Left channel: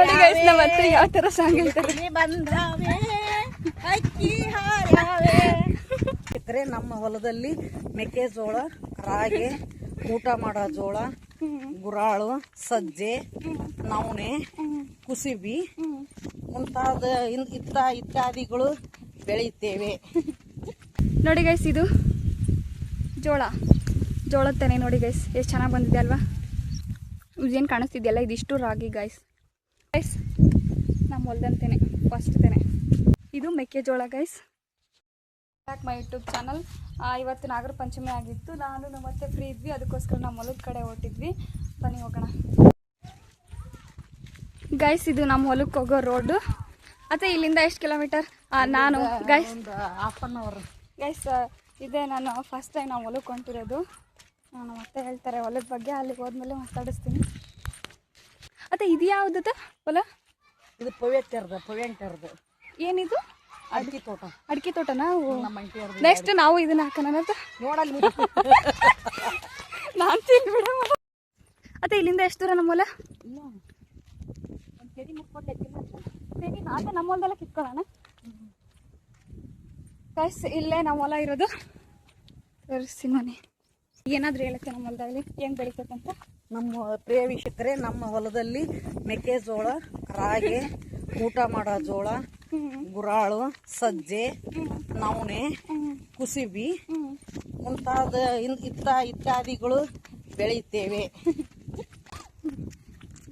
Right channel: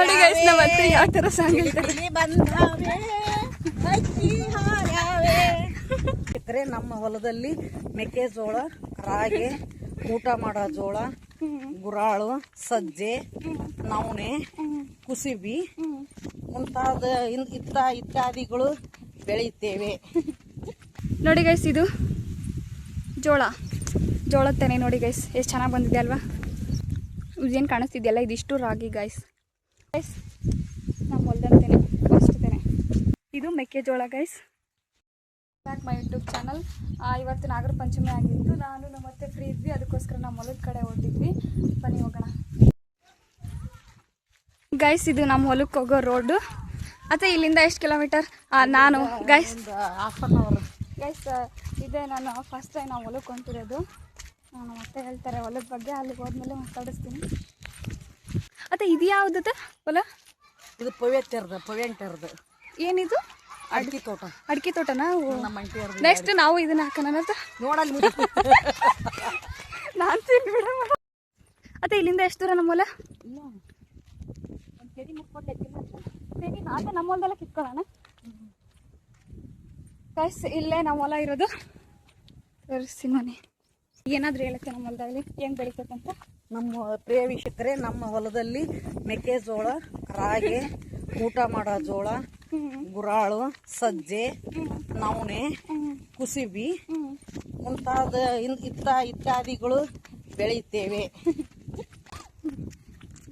ನೋಡಿ ಗೈಸ್ ನಮ್ಮ ಹತ್ರ ಯಾವ ತರ ಸಾಂಗ್ ಹೇಳ್ತಾರೆ. ನಮ್ಮ ಹೊಲದಲ್ಲಿ ಮೆಕ್ಕೆಜೋಳ, ರಾಗಿ, ಊಟ ಮಾಡೋ ಜೋಳ, ಗುರಾಳು, ಸಜ್ಜೆ, ನವಣೆ, ಕುಸುಬಿ ಮುಂತಾದ ಇತ್ಯಾದಿಗಳು ಬೆಳೆಯುತ್ತೇವೆ. ನೋಡಿ ಗೈಸ್ ಇದು ಜೋಳದ ತೆನೆ ನೋಡಿ ಗೈಸ್ ಎಷ್ಟು ಚೆನ್ನಾಗಿ ಬಂದಿದೆ ಅಲ್ವಾ. ಏನು ಕಾಣಿಸ್ತಿದೆಯಲ್ಲ ಇದಿಷ್ಟು ರಾಗಿ ಗೈಸ್ ನಮ್ಮ ಹೊಲದ ತೆನೆ ಫಸ್ಟ್ ತೆನೆ. ಇದು ಮೆಕ್ಕೆಜೋಳ guys. Back my YouTube channel. ಇವತ್ತು ನಾಗರ ಪಂಚಮಿ ಆಗಿತ್ತು. ನಾನು ಮತ್ತೆ ಫ್ರೀ ಇದ್ವಿ, ಅದಕ್ಕೋಸ್ಕರ ನಮ್ಮ ಹೊಲದ ಕಡೆ ಹೊರಟಿದ್ವಿ. ಬನ್ನಿ ಹೋಗೋಣ ಗೈಸ್. ಇದು ನಮ್ಮ ಹೊಲಕ್ಕೆ ಹೋಗೋ ರೋಡು. ಅತ್ತೆ ಇಲ್ಲಿಂದ ಎಷ್ಟು ಕಿಲೋಮೀಟರ್? ನಾನು ಗೈಸ್ ಇದೇ ನಾನು ಫಸ್ಟ್ ಟೈಮ್ ನಾವು ಹೊಲಕ್ಕೆ ಹೊಂಟಿರೋದು. ನಾನು ಮತ್ತೆ ಹೇಳ್ತಾರೆ ಹೊಲದ ಬಗ್ಗೆ, ಅಲ್ಲಿಗೆ ಹೋದ್ಮೇಲೆ ಮಾತಾಡಿಸ್ತೀನಿ. ಅತ್ತೆ ಇದು ಯಾವುದತ್ತೆ ಹೊಲ? ಇದು ಪವ್ಯಂಟರ್ದು. ಏನಿದು? ಅಡಿಕೆ ತೋಟನಾ? ನೆಕ್ಸ್ಟ್ ನಾವು ಇದನ್ನ ಹಾಕೋಣ ನೋಡಲ್ಲಿ ನಾನು ತಿನ್ಬಿಡ. ಅತ್ತೆ ಇಲ್ಲಿಂದ ಎಷ್ಟು ದೂರ ನಮ್ಮ ಹೊಲ? ಅದೇ ನಮ್ಮ ಹೊಲದೆಲ್ಲ ಕಿತ್ಕೊಳ್ಳೋಣ ಗೈಸ್. ಇಲ್ಲೇ ನಮ್ಮ ಹೊಲ ಇರೋದು. ತೋರಿಸಿ ಮನೆ ಏನಾದರೂ ಹೇಳುತ್ತೆ ನಮ್ಮ ಹೊಲದಲ್ಲಿ ಹೆಂಗೆ ಬೆಳಿತಕ್ಕಂತ. ನಮ್ಮ ಪ್ರಿಯ ವೀಕ್ಷಕರೇ, ನಮ್ಮ ಹೊಲದಲ್ಲಿ ಮೆಕ್ಕೆಜೋಳ, ರಾಗಿ, ಊಟ ಮಾಡೋ ಜೋಳ, ಗುರಾಳು, ಸಜ್ಜೆ, ನವಣೆ, ಕುಸುಬಿ ಮುಂತಾದ ಇತ್ಯಾದಿಗಳು ಬೆಳೆಯುತ್ತೇವೆ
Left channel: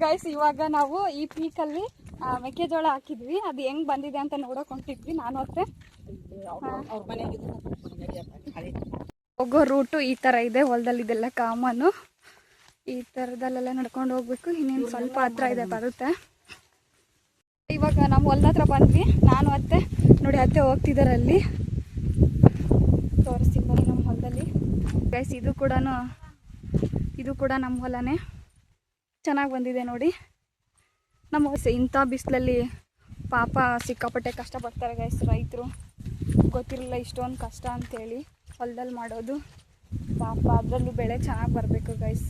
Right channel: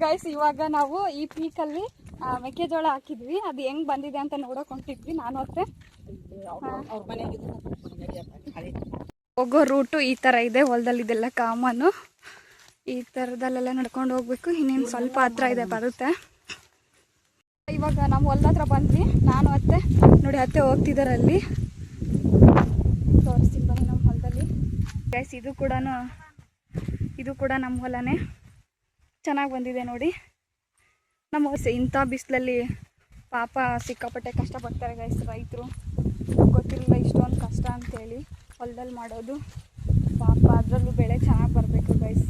ಗೈಸ್. ಇವಾಗ ನಾವು ಈ ಪೀಕಲ್ಲಿ ಮೆಕ್ಕೆಜೋಳ ಹಾಕಿದ್ವಿ. ಅದು ಹೆಂಗ್ ಬಂದಿದೆ ಅಂತ ನೋಡಕ್ ಹೊಂಟಿದ್ವಿ ನಾನು ಮತ್ತೆ. ಹೋಗೋ ರೂಟು ಈ ತರ ಇದೆ. ಹೊಲದಲ್ಲಿ ಇದೆಲ್ಲ ಕಾಮನ್ನು ಈ ತರದಲ್ಲೆಲ್ಲ ನಡ್ಕೊಂಡು ಹೋಗ್ಬೇಕು. ಇನ್ನೇನು ಸ್ವಲ್ಪ ಹತ್ರ ಇದೆ, ಬರುತ್ತೆ. ಇವಾಗ ನಮ್ಮ ಹೊಲದ ಹತ್ರ ಬಂದ್ವಿ ನಾನು ಅತ್ತೆ. ನೋಡಿ ಅತ್ತೆ ಹೋಗ್ತಿದ್ದಾರೆ ಅಲ್ಲಿ, ತೋರಿಸ್ತೀನಿ ಬನ್ನಿ ನಮ್ಮ ಹೊಲದಲ್ಲಿ ಗೈಸ್. ಇದು ಕೂಡ ನಮ್ಮ ಹೊಲನೇ. ಚೆನ್ನಾಗಿ ಬಂದಿದೆ ನೋಡಿ. ನಮ್ಮ ಇಂಥ ಬಿಸಿಲಲ್ಲಿ ಪಾಪ ಸಿಕ್ಕಾಪಟ್ಟೆ ಕಷ್ಟಪಡ್ತಾರೆ ಗೈಸ್ ರೈತರು. ಗೊತ್ತಿರಲಿಲ್ಲ ಇಷ್ಟೊಂದು ಕಷ್ಟ ಅಂತೇಳಿ ಹೊಲದಲ್ಲಿ ಮಾಡೋದು. ಪಾಪ ಅದರಲ್ಲೂ ಬೆಳೆ ಚೆನ್ನಾಗಿ ಬರಬೇಕು ಗೈಸ್.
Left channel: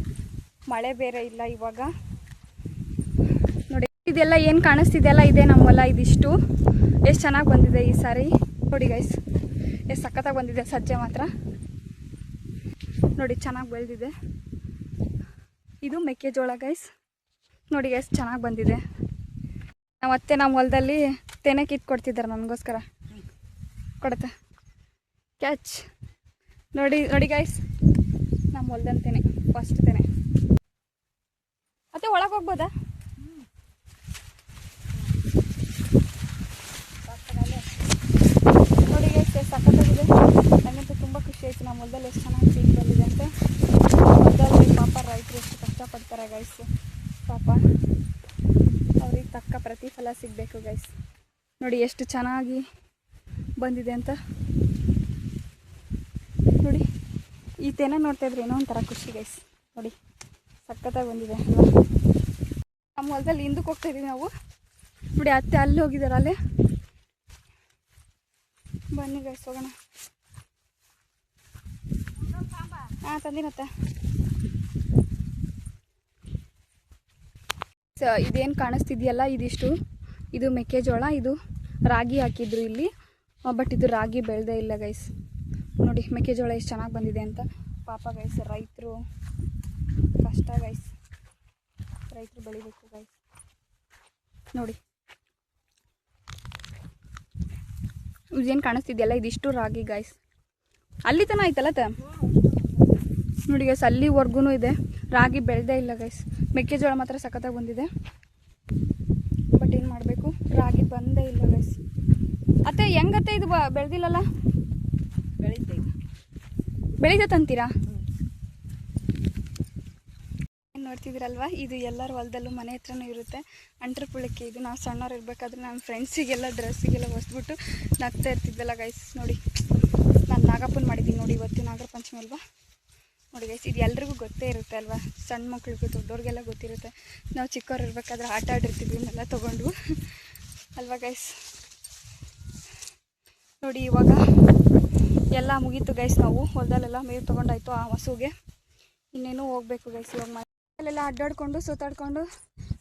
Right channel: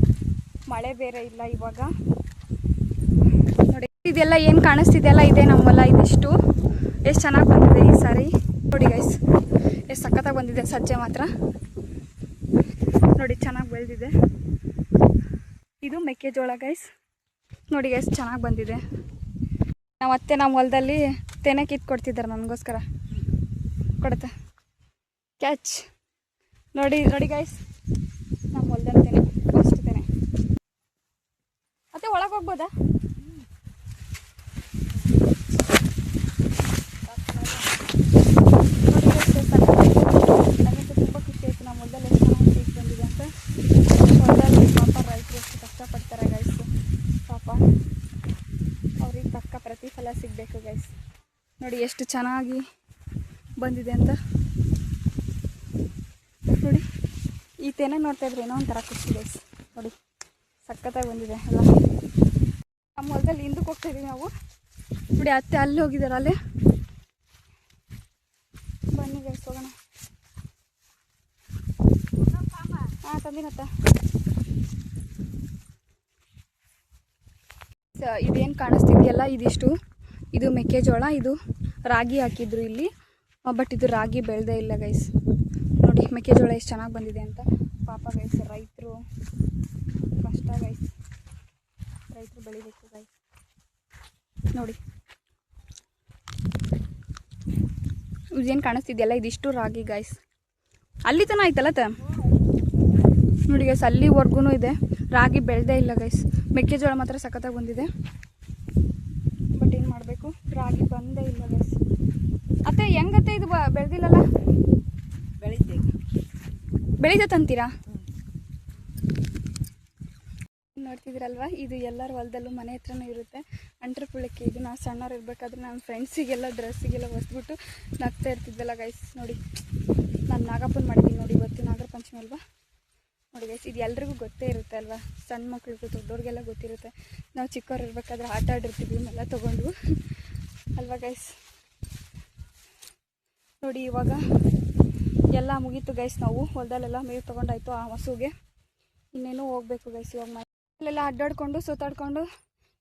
ಮಳೆ ಬೇರೆ ಇಲ್ಲ ಇವಾಗ. ನೋಡಿ ಇದೆಲ್ಲ ಏನು ಕಾಣಿಸ್ತಿದೆಯಲ್ಲ ಇದೇ ನಮ್ಮ ಹೊಲ. ಇದಿಷ್ಟು ಎಷ್ಟು ಚೆನ್ನಾಗಿ ಬಂದಿದೆ ಈ ಸಾರಿ ನೋಡಿ ಗೈಸ್. ಎಷ್ಟು ಸಖತ್ತಾಗಿ ಬಂದಿದೆ. ಸಜ್ಜೆ ಮಾತ್ರ ನೋಡಿ ಚೆನ್ನಾಗಿ ಬೆಳೆದಿದೆ. ಇದು ಮೆಕ್ಕೆಜೋಳ ಗೈಸ್. ನೋಡಿ ಎಷ್ಟು ಚೆನ್ನಾಗಿ ಬಂದಿದೆ. ನಾವು ಅತ್ತೆ ನಮ್ಮ ಹೊಲದಲ್ಲಿ ತೆನೆ ಕಿತ್ಕೊಡ್ತಿದ್ದಾರೆ ನನಗೋಸ್ಕರ. ಕೊಡುತ್ತೆ ಕ್ಯಾಚ್. ನೋಡಿ ಗೈಸ್ ನಮ್ಮ ಹೊಲದಲ್ಲಿ ತೆನೆ ಫಸ್ಟ್ ತೆನೆ. ಅತ್ತೆ ಒಳಗೆ ಹೋಗ್ಬೋದಾ? ನೋಡಿ ಎಷ್ಟು ಸಕ್ಕತ್ತಾಗಿದೆ. ನನಗಂತೂ ತುಂಬ ಖುಷಿ ಆಯಿತು. ನಮ್ಮ ಹೊಲದಲ್ಲಿ ಎಷ್ಟು ಚೆನ್ನಾಗಿ ಸೀಟ್ ಬಂದಿದೆ ಅಂತ. ಹೊಲದಲ್ಲಿ ಪಾಪ ರೈತರು ಎಷ್ಟು ಕಷ್ಟಪಡ್ತಾರೆ ಗೈಸ್. ಪಾಪ ಅವ್ರಿಗೆ ತಕ್ಕ ಪ್ರತಿಫಲ ಸಿಗಬೇಕು ಗೈಸ್. ನೋಡಿ ಎಷ್ಟು ಚೆನ್ನಾಗಿ ಬಂದಿದೆ ಅಂತ. ನೋಡಿ ಈ ತೆನೆ ನೋಡ್ತಾ ಇದ್ರೆ ಏನೋ ಒಂಥರ ಖುಷಿ ಗೈಸ್. ನೋಡಿ ಸಖತ್ತಾಗಿ ಬಂದಿದೆ ಅಲ್ವಾ. ನಮ್ಮ ಹೊಲದಲ್ಲಿ ಹಿಂದಕ್ಕೆ ಹೋಗ್ತಾಯಿದ್ದೀವಿ ನಾವು. ನೋಡಿ ಅತ್ತೆ ಅಲ್ಲಿ ಹೋಗಿದ್ದಾರೆ ಅಲ್ಲೇ. ಬನ್ನಿ ಗೈಸ್ ಹೋಗೋಣ. ಹಾಂ ತಂದಿನತ್ತ. ಇದೇನು ಕಾಣಿಸ್ತಿದೆಯಲ್ಲ ಇದಿಷ್ಟು ಇದು ಮೆಕ್ಕೆಜೋಳ. ಇದು ರಾಗಿ ಹಾಕಿದ್ರು ಇಲ್ಲಿ, ಬಟ್ ಇದು ರಾಗಿ ಬೆಳೆದೇ ಇಲ್ಲ ಗೈಸ್. ನೋಡಿ ಮೆಕ್ಕೆಜೋಳ ಎಷ್ಟು ಚೆನ್ನಾಗಿ ಬಂದಿದೆ ಅಂತ. ಪಾಪ ಗೈಸ್ ರೈತರು ಕಷ್ಟ ಗೈಸ್. ರೈತರು ಬೆಳಿಬೇಕು ಗೈಸ್. ನೋಡಿ ಇದೇನು ಕಾಣಿಸ್ತಿದೆಯಲ್ಲ ಇದಿಷ್ಟು ರಾಗಿ ಗೈಸ್. ಅಲ್ಲಿ ತನ ಆಯ್ತಲ್ಲ ನೋಡಿ ಗೈಸ್, ಅಲ್ಲಿವರೆಗೂ ಇದೆ. ರಾಗಿ ಬೆಳೆದೇ ಇಲ್ಲ ಗೈಸ್. ಮೆಕ್ಕೆಜೋಳ ಮಾತ್ರ ಸಖತ್ತಾಗಿ ಬಂದಿದೆ. ಬಟ್ ಏನು ಮಾಡಬೇಕು, ರಾಗಿ ಬಂದೇ ಇಲ್ಲ ಗೈಸ್. ಅತ್ತೆ ಹೆಂಗತ್ತೆ ಇದು ಬೆಳೆದಿಲ್ಲಲ್ಲ? ಬೆಳೀತೈತೆ ಅಂತೀರಾ? ನೋಡ್ತಿದ್ದೀರಲ್ವ, ಇದು ಎಲ್ಲರ ಹೊಲದಲ್ಲೂ ಮನೆ ಹತ್ರನೂ ಇರುತ್ತೆ. ಅಂಟ್ರ ಪುಳಕ್ಕೆ ಇದು ನಾವು ಸಣ್ಣವ್ರು ಇರಬೇಕಾದ್ರೆ ನಮ್ಮ ಫ್ರೆಂಡ್ಸಿಗೆಲ್ಲ ಡ್ರೆಸ್ಸಿಗೆಲ್ಲ ಹೊಸ್ಬಿಟ್ಟು ನಗ್ತಾ ಇರ್ತಿದ್ವಲ್ಲ ಗೈಸ್. ನೋಡಿ ನಾನು ನಾಗಪ್ಪನ ಮಾಡಿದ್ದೀನಿ ನೋಡಿ. ಇವತ್ತು ನಾಗರ ಪಂಚಮಿ ಅಲ್ವಾ. ನೋಡಿ ಗೈಸ್ ಇದು ಎಲ್ರಿಗೂ ಗೊತ್ತೇ ಇರುತ್ತೆ ಅಲ್ವಾ. ಸಣ್ಣ ಮಕ್ಳಿಗೂ ದೊಡ್ಡವ್ರಿಗೆಲ್ಲ ಗೊತ್ತಿರುತ್ತೆ. ನಾವು ಚಿಕ್ಕವ್ರು ಇರಬೇಕಾದ್ರೆ ಆಟ ಆಡಿರ್ತಿದ್ವಿ ಇವನ್ನೆಲ್ಲ ತೊಗೊಂಡು ಅಲ್ವಾ ಗೈಸ್. ನೋಡಿ ಇವಾಗ ಎಲ್ಲ ಮುಗೀತು ಗೈಸ್. ನಾವು ಹೊಲದಲ್ಲೆಲ್ಲ ಮೇವು ತೊಗೊಂಡಾಯ್ತು ಆ ಹಸುಗೆ. ಇನ್ನೇನು ಹೋಗ್ಬೇಕು ಗೈಸ್. ಇವಾಗ ಮನೆಯಲ್ಲೆಲ್ಲ ಅಡ್ಡಾಡ್ಕೊಂಡು ಸುತ್ತಾಡ್ಕೊಂಡು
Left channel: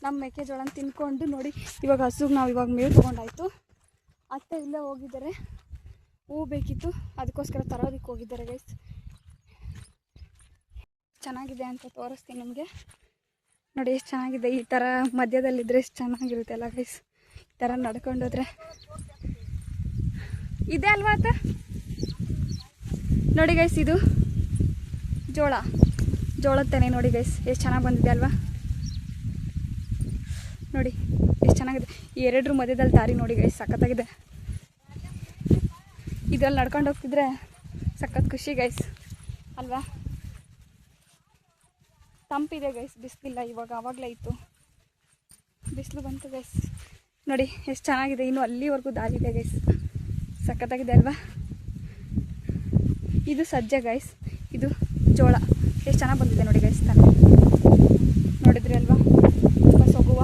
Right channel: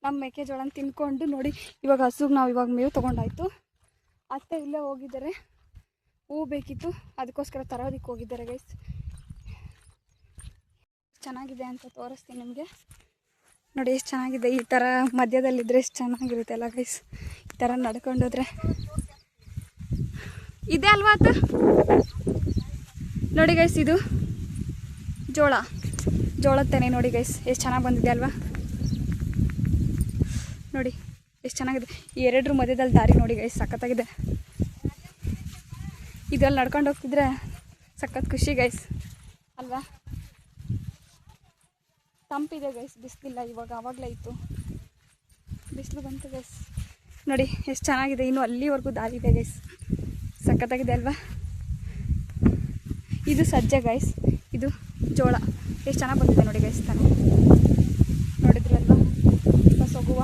ನಮ್ಮ ಮೆಕ್ಕೆಜೋಳನ ತಿನ್ಕೊಂಡು ನೋಡಿ. ಇವಾಗ ಹಸುಗೆ ನಾವು ಇವಾಗ ಮೇವು ತೊಗೊಂಡಾಯ್ತು. ಅತ್ತೆ ಇಲ್ಲೇ ಹೋಗಿದ್ದಾರೆ, ಹೂ ಬೇಕಿತ್ತು ಅದಕ್ಕೋಸ್ಕರ ತರೋದಕ್ಕೆ ಹೋಗಿದ್ದಾರೆ ಗೈಸ್. ಚೆನ್ನಾಗಿದೆ ಅಂತ ತೋರಿಸ್ತೀನಿ ನಿಮಗೆ. ನೋಡಿ ಎಷ್ಟು ಚೆನ್ನಾಗಿದೆ. ಈ ಥರ ಮಧ್ಯದಲ್ಲಿದ್ದರೆ ಎಷ್ಟು ಚೆನ್ನಾಗಿರುತ್ತೆ ಅಲ್ಲ ಗೈಸ್. ಈ ಥರ ನಡ್ಕೊಂಡೋದ್ರೆ ಇದೆ ಅಲ್ವಾ ಆತ. ನೋಡಿ ಗೈಸ್, ಇದು ಜೋಳದ ತೆನೆ ನೋಡಿ ಗೈಸ್, ಎಷ್ಟು ಚೆನ್ನಾಗಿ ಬಂದಿದೆ ಅಲ್ವಾ. ನೋಡಿ ಎಷ್ಟು ಚೆನ್ನಾಗಿದೆ. ಈ ಎರಡರ ಮಧ್ಯದಲ್ಲಿ ದಾರಿ ನೋಡಿ ಗೈಸ್, ಸಖತ್ತಾಗಿದೆ. ಇದರಲ್ಲಿ ನಡ್ಕೊಂಡು ಹೋಗ್ತಿದ್ರೆ ಸಖತ್ ಖುಷಿ ಗೈಸ್ ಅಲ್ವಾ. ತಂಪಿದೆ ಗೈಸ್, ಬಿಸಿಲಿಲ್ಲ ಇವಾಗ, ಆವಾಗಲೇ ಇತ್ತು ಬಿಸಿಲು ಬಂತು ಗೈಸ್. ನೋಡಿ ಎಷ್ಟು ಚೆನ್ನಾಗಿದೆ. ಇನ್ನು ಅಲ್ಲಿವರೆಗೂ ದಾರಿ ಇದೆ ಗೈಸ್, ಸಖತ್ತಾಗಿದೆ ಅಲ್ವಾ. ಇದು ಸಜ್ಜೆ ಗೈಸ್, ಇದು ಜೋಳ. ಎಷ್ಟು ಚೆನ್ನಾಗಿ ಬಂದಿದೆ ನೋಡಿ ಗೈಸ್ ತಾನೆ. ನೋಡಿದ್ರಿ ಅಲ್ವಾ ಬಸ್ ಹೋಗುವ.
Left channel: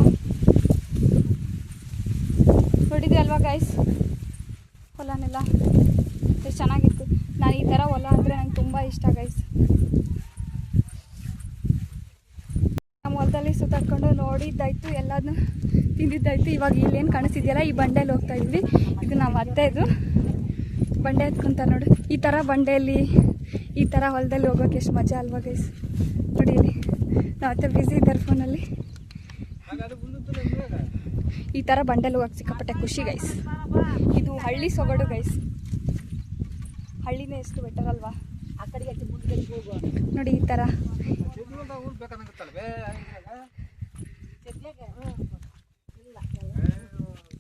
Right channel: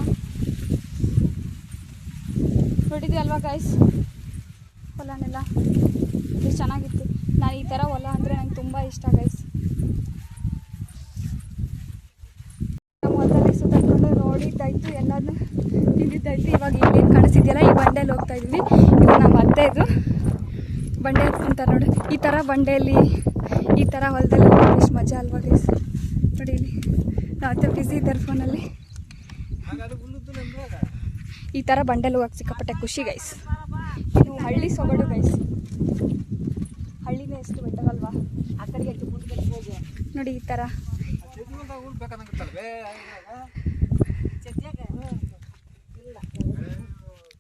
ನೋಡಿದ್ರಿ ಅಲ್ವಾ ಗೈಸ್ ಹೊಲನೆಲ್ಲ ಎಷ್ಟು ಚೆನ್ನಾಗಿತ್ತು. ನಾನು ಈ ಥರ ಹೊಲ ಅಂದರೆ ನಂಗೆ ತುಂಬ ಇಷ್ಟ ಗೈಸ್. ನಮ್ಮ ಹೊಲದಲ್ಲಿ ಸುತ್ತಾಡ್ಕೊಂಡು ನೋಡಿದ್ದಾಯ್ತು, ಎಲ್ಲದನ್ನೂ ತಿಂದಿದ್ದಾಯ್ತು. ಇವಾಗ ಇಲ್ಲೇನು ಕಾಣಿಸಿದೆಯಲ್ಲ, ಈ ಬಂಡೆಯಲ್ಲಿ ಹೋಗ್ತಾ ಇದ್ವಿ. ಇದು ನಮ್ಮ ಅತ್ತೆ, ಇದು ಬಂಡೆ ಹತ್ಕೊಂತಾರೆ ನೋಡಿ. ಈ ಥರ ಬಂಡೆಯಲ್ಲಿ ಈ ಥರ ಹೊಲದಲ್ಲಿ ಹೋಗೋಕೆ ಎಷ್ಟು ಮಜಾ ಅಲ್ವಾ ಗೈಸ್. ನೋಡಿ ಇಲ್ಲಿ ನಾವು ಅತ್ತೆ ಬ್ಯುಸಿ ಇದ್ದಾರೆ ಫೋನಲ್ಲಿ. ಈ ಥರ ಬಂಡೆಯಲ್ಲಿ ಹೋಗಕ್ಕೆ ಸಿಕ್ಕಾಪಟ್ಟೆ ಖುಷಿ ಗೈಸ್. ಇದು ಹಳ್ಳಿ ಸೊಗಡು ಗೈಸ್. ಹಳ್ಳಿನೇ ಎಷ್ಟು ಬೆಟರ್ ಅಲ್ವಾ. ಆ ಕಡೆಗೆ ನೋಡಿ ಈ ಥರ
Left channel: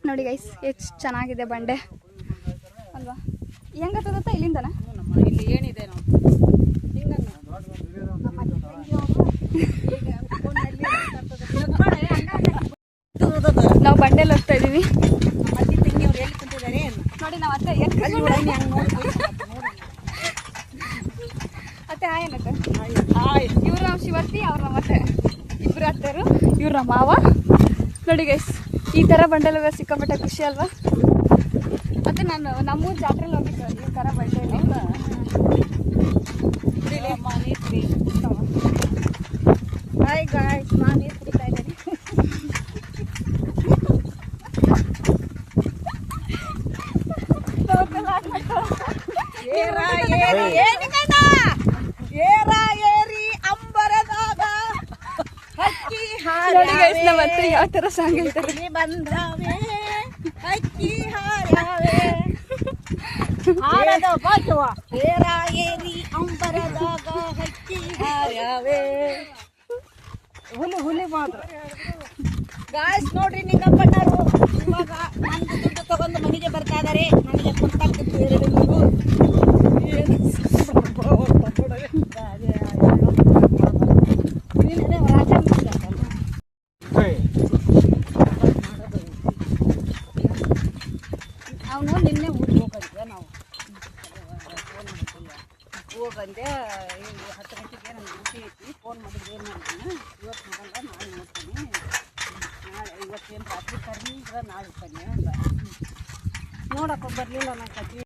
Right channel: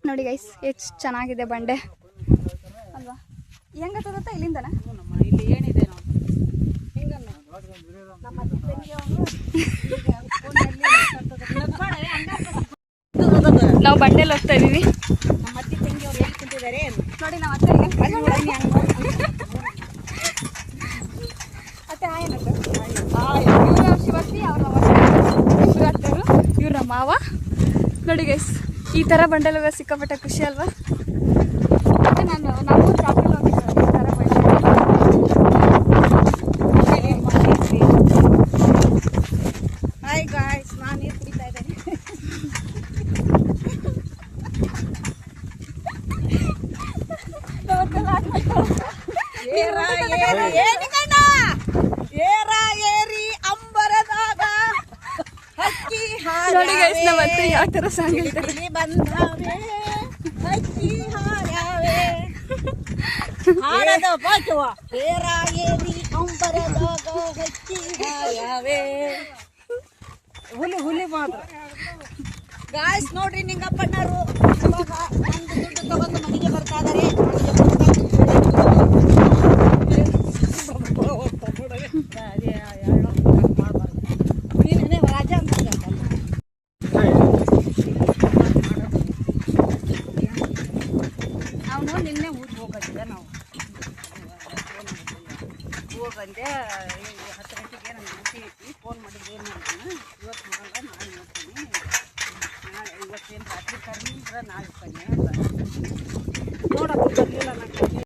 ನೋಡಿ ಗೈಸ್, ಎಷ್ಟು ಚೆನ್ನಾಗಿದೆ ಬಂಡೆ ಅಲ್ವಾ. ಹೆಂಗತ್ತದತ್ತ ಇಲ್ಲಿಂದನ ಇಲ್ಲಿ ಏನಿದೆ ನಾವು ಬಂಡೆಯಲ್ಲಿ ಹೋಗ್ತಾ ಇದೀವಿ ಕುಂತಿದ್ದಾರೆ ನೋಡಿ. ನಾವು ಅತ್ತೆ ಅತ್ತೆ ಏನಕ್ಕ ಇವ್ರ ಶಿವರ್ತಿ, ಅವ್ರ ಇಬ್ಬರು ಅತ್ತೆರು, ಇವ್ರ ಮಾವ. ನೋಡಿ ಗೈಸ್, ಈ ಥರ ಬಂಡೆಲ್ಲ ಸಿಕ್ಕಾಪಟ್ಟೆ ಖುಷಿ ಅಲ್ವಾ. ಮತ್ತೆ ನಾವು ಜಾತ್ರೆಲಿ ಹೋಗಿದ್ದೆ ಈ ಥರ ಬಂಡೆ. ಹಾಯ್ ಗಾಯ್ಸ್, ನಾನು ನೀರು ಕುಡಿತಾ ಇದ್ದೇನೆ. ಏರಿ ಅಂಬರದಾಗ ಹಕ್ಕಿ ನೋಡಿ ಗೈಸ್, ನಮ್ಮ ಅತ್ತೆ ಯಾವ ಥರ ಸಾಂಗ್ ಹೇಳ್ತಾರೆ. ಬಂದ್ರಾವೆ ಹಕ್ಕಿ ಹಾರಾವೆ ಹಾರದ ಪಾಠವ. ಏರಿ ಅಂಬರದಾಗ ಹಕ್ಕಿ ಹಾರಾವೆ. ಹುಲಿ ಮಾತ್ರ ಗಾಯ್ಸ್. ನೋಡ್ರಿ ನಿಂಗಪ್ಪಣ್ಣರು ಇವಾಗ ನಂದು ದುಡ್ಡು ತಗೊಂಡು ಮನೆಗೆ ಬರ್ತಾ ಇದಾರೆ. ನೀನೇ ರಾಜ ಅಂತ ಅವನು ನಿನ್ನೆ ಊರಿಗೆ ಹೋಗಿದ್ದೆ. ನಾವು ಹೋಗಂದೆ 10 ಗಂಟೆಗೆ ನನಗೆ ಡ್ಯೂಟಿ ಐತಿ. ಫೋನ್ ಮಾಡಿದ್ರೆ ಏನು ಮಾಡಿದ್ದೀನಿ, ಇವತ್ತು ಮಾಡಲ್ಲ ನಾಳೆ ನೋಡ್ತೀನಿ, ನಾಳೆ ಇವತ್ತೇನು ರಾತ್ರಿ ಕರ್ನಿಂದ್ರೆ ನಾಳೆ ಬನ್ನಿ ಅಂತ ನೋಡಕ್ಕೆ ಬರಲಿಲ್ಲ. ನಾನು